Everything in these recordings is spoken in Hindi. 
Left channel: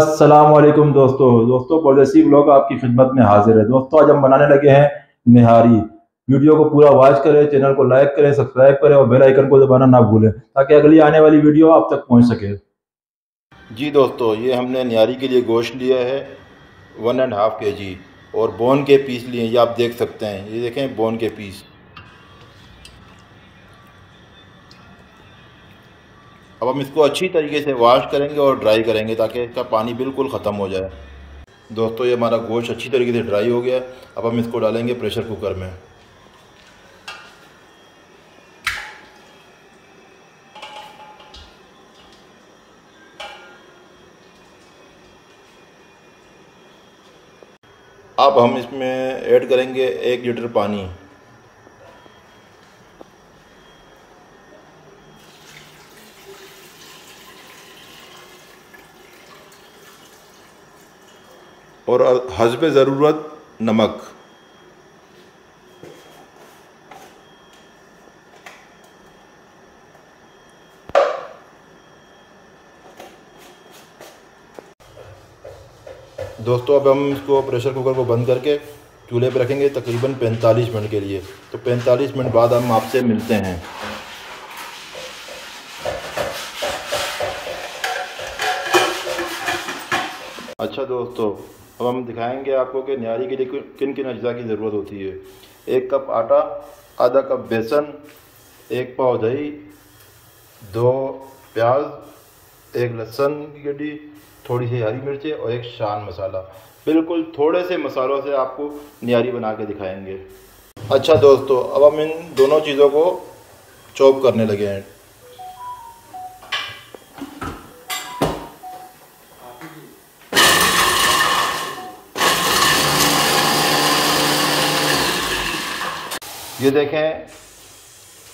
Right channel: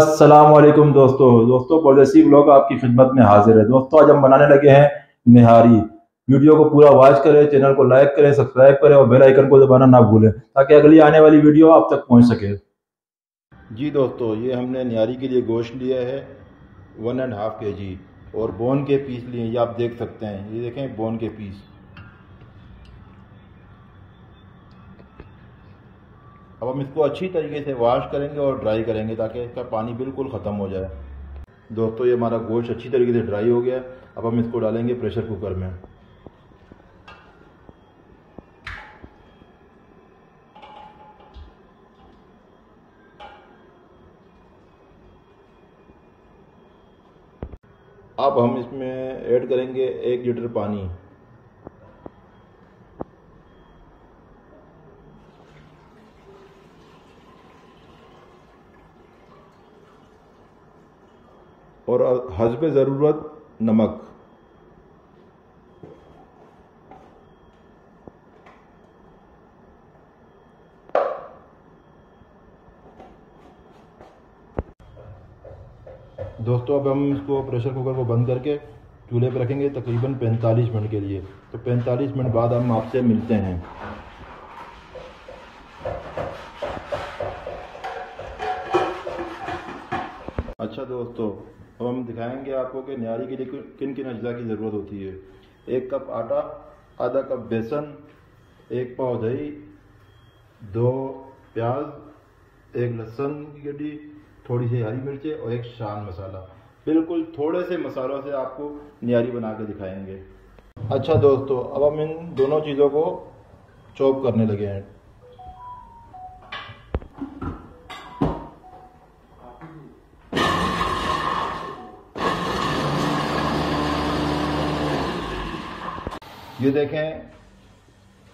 अस्सलामुअलैकुम दोस्तों परदेसी ब्लॉग आपकी खिदमत में हाजिर है। दोस्तों आज हम बनाने लगे हैं निहारी। वीडियो को पूरा वॉच करें, चैनल को लाइक करें, सब्सक्राइब करें और बेल आइकन को दबाना ना भूलें ताकि अगली आने वाली वीडियो आप तक पहुंच सके। जी दोस्तों, ये हमने निहारी के लिए गोश्त लिया है 1.5 kg और बोन के पीस लिए, ये आप देख सकते हैं। ये देखें बोन के पीस। अब हम इसको अच्छी तरीके से वॉश करेंगे और ड्राई करेंगे ताकि इसका पानी बिल्कुल ख़त्म हो जाए। दोस्तों ये हमारा गोश्त अच्छी तरीके से ड्राई हो गया। अब हम इसको डालेंगे प्रेशर कुकर में। अब हम इसमें ऐड करेंगे 1 लीटर पानी। और हस्बे ज़रूरत नमक। दोस्तों अब हम इसको प्रेशर कुकर को बंद करके चूल्हे पर रखेंगे तकरीबन 45 मिनट के लिए। तो 45 मिनट बाद हम आपसे मिलते हैं। अच्छा दोस्तों, अब हम दिखाएंगे आपको कि निहारी के लिए किन किन अज्जा की ज़रूरत होती है। 1 कप आटा, आधा कप बेसन, 1 पाव दही, 2 प्याज, 1 लहसुन की गड्डी, थोड़ी सी हरी मिर्चें और 1 शान मसाला। बिल्कुल थोड़े से मसालों से आपको निहारी बना के दिखाएंगे। अच्छा दोस्तों, अब हम इन दोनों चीज़ों को चॉप करने लगे हैं। ये देखें,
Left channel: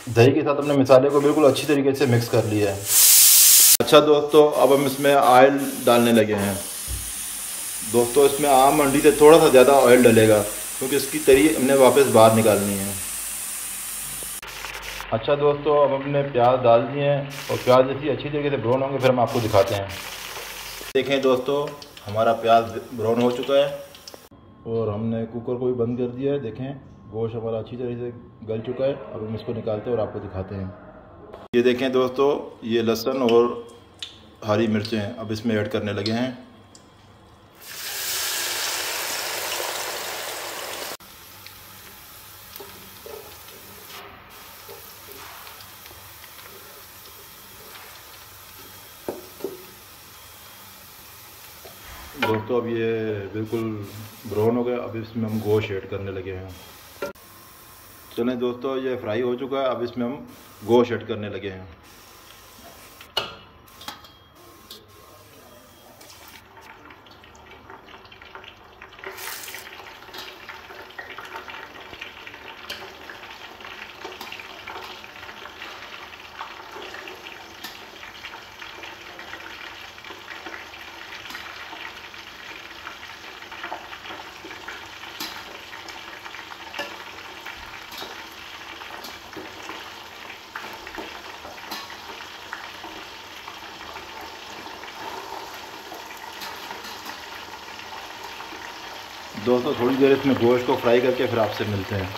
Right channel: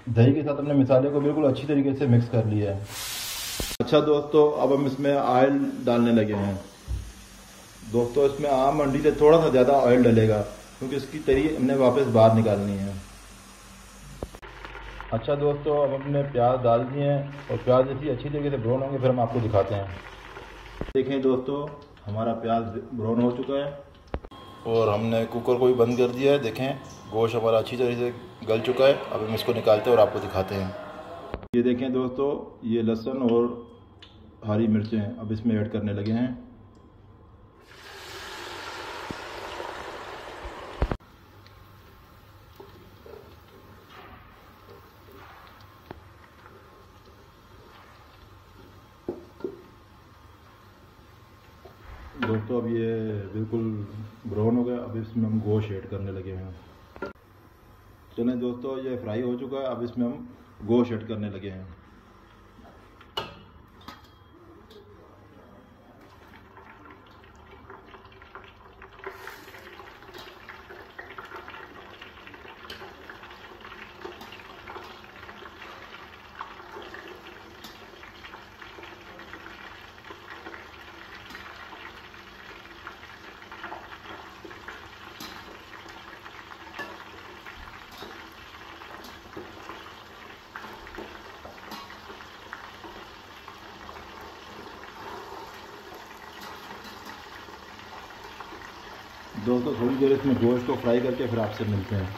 दही के साथ हमने मसाले को बिल्कुल अच्छी तरीके से मिक्स कर लिया है। अच्छा दोस्तों, अब हम इसमें ऑयल डालने लगे हैं। दोस्तों इसमें आम मंडी से थोड़ा सा ज़्यादा ऑयल डलेगा क्योंकि इसकी तरी हमने वापस बाहर निकालनी है। अच्छा दोस्तों, अब हमने प्याज डाल दिए हैं और प्याज जैसी अच्छी तरीके से ब्राउन होंगे फिर हम आपको दिखाते हैं। देखें दोस्तों, हमारा प्याज ब्राउन हो चुका है और हमने कुकर को भी बंद कर दिया है। देखें गोश्त हमारा अच्छी तरीके से गल चुका है। अब हम इसको निकालते हैं और आपको दिखाते हैं। ये देखें दोस्तों, ये लहसुन और हरी मिर्चें अब इसमें ऐड करने लगे हैं। दोस्तों अब ये बिल्कुल ब्राउन हो गया। अब इसमें हम गोश्त ऐड करने लगे हैं। चलें दोस्तों, ये फ्राई हो चुका है। अब इसमें हम गोश्त ऐड करने लगे हैं। दोस्तों थोड़ी देर इसमें गोश्त को फ्राई करके फिर आपसे मिलते हैं।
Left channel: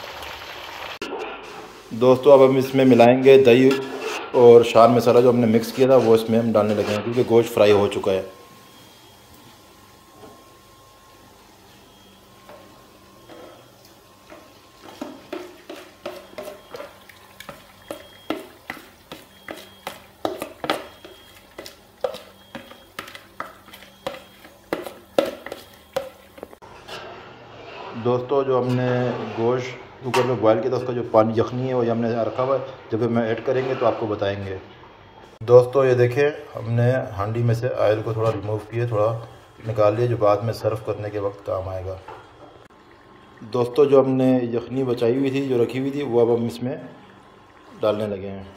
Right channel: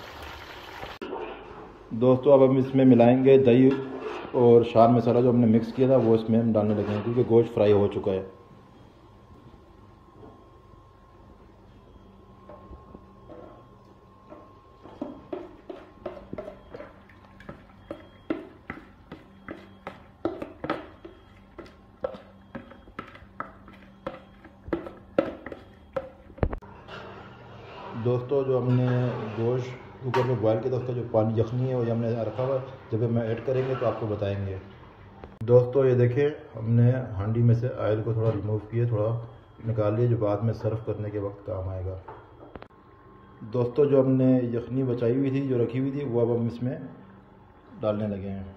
दोस्तों अब हम इसमें मिलाएंगे दही और शान मसाला जो हमने मिक्स किया था वो इसमें हम डालने लगे हैं क्योंकि गोश्त फ्राई हो चुका है। दोस्तों जो हमने गोश्त कुकर में बॉयल किया था उसका जो पानी यखनी है वो हमने रखा हुआ है। जब हम ऐड करेंगे तो आपको बताएंगे। दोस्तों ये देखें, हमने हांडी में से ऑयल को थोड़ा रिमूव किया, थोड़ा निकाल लिया जो बाद में सर्व करने के वक्त काम आएगा। दोस्तों जो हमने यखनी बचाई हुई थी, जो रखी हुई थी, वो अब हम इसमें डालने लगे हैं।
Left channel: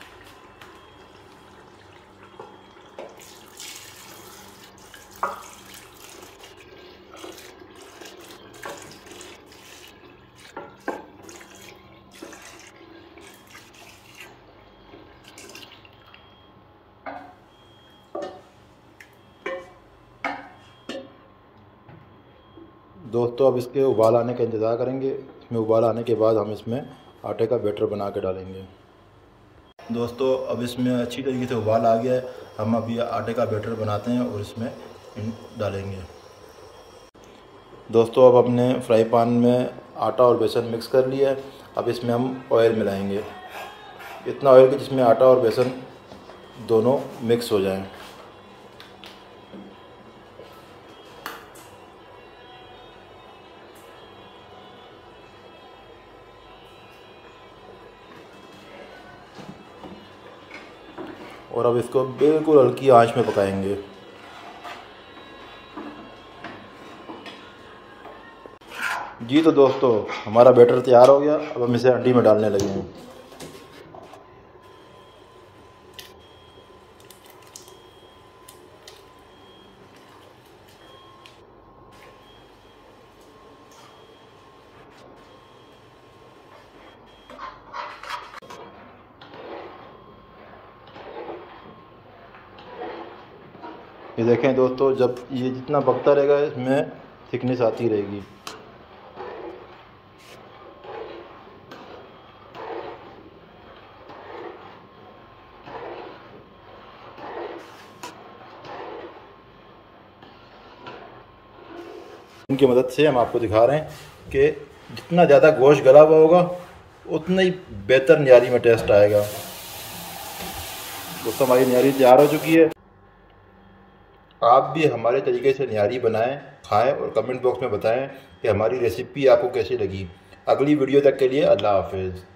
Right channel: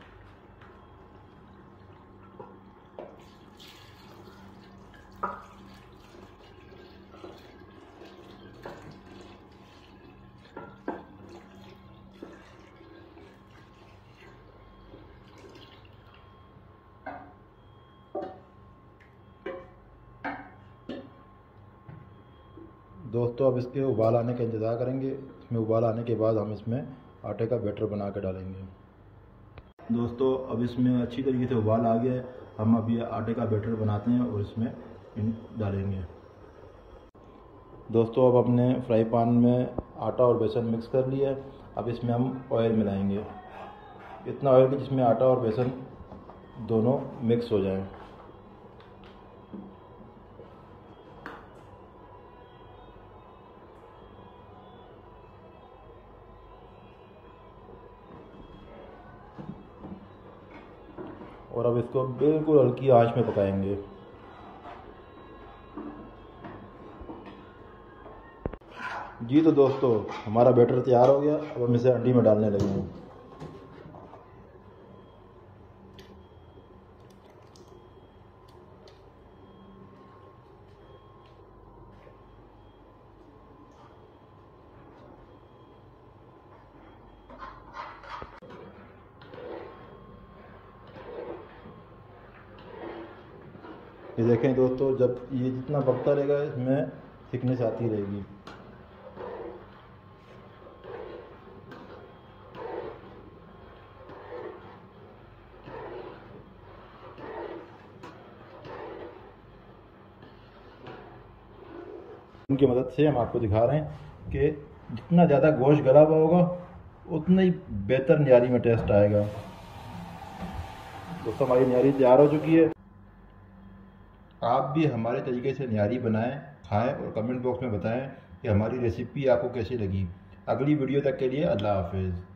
दोस्तों अब इसके उबाल आने का इंतज़ार करेंगे। इसमें उबाल आने के बाद हम इसमें आटे का बैटर बना के डालेंगे। दोस्तों अब इसमें अच्छी तरीके से उबाल आ गया है। हम अभी आटे का बैटर बनाते हैं और इसमें डालेंगे। दोस्तों अब अपने फ्राई पैन में आटा और बेसन मिक्स कर लिया है। अब इसमें हम ऑयल मिलाएंगे, इतना ऑयल कि जिसमें आटा और बेसन दोनों मिक्स हो जाएं। और अब इसको बिल्कुल हल्की आंच में पकाएंगे। जी तो दोस्तों हमारा बैटर तैयार हो गया। अब हम इसे हंडी में डालने लगे हैं। ये देखें दोस्तों, जब ये जितना पकता रहेगा इसमें थिकनेस आती रहेगी। इनकी मदद से हम आपको दिखा रहे हैं कि जितना ज़्यादा गोश्त गला हुआ होगा उतना ही बेहतर न्यारी में टेस्ट आएगा। दोस्तों हमारी न्यारी तैयार हो चुकी है। आप भी हमारे तरीके से न्यारी बनाएं, खाएं और कमेंट बॉक्स में बताएं कि हमारी रेसिपी आपको कैसी लगी। अगली वीडियो तक के लिए अल्लाह हाफिज़।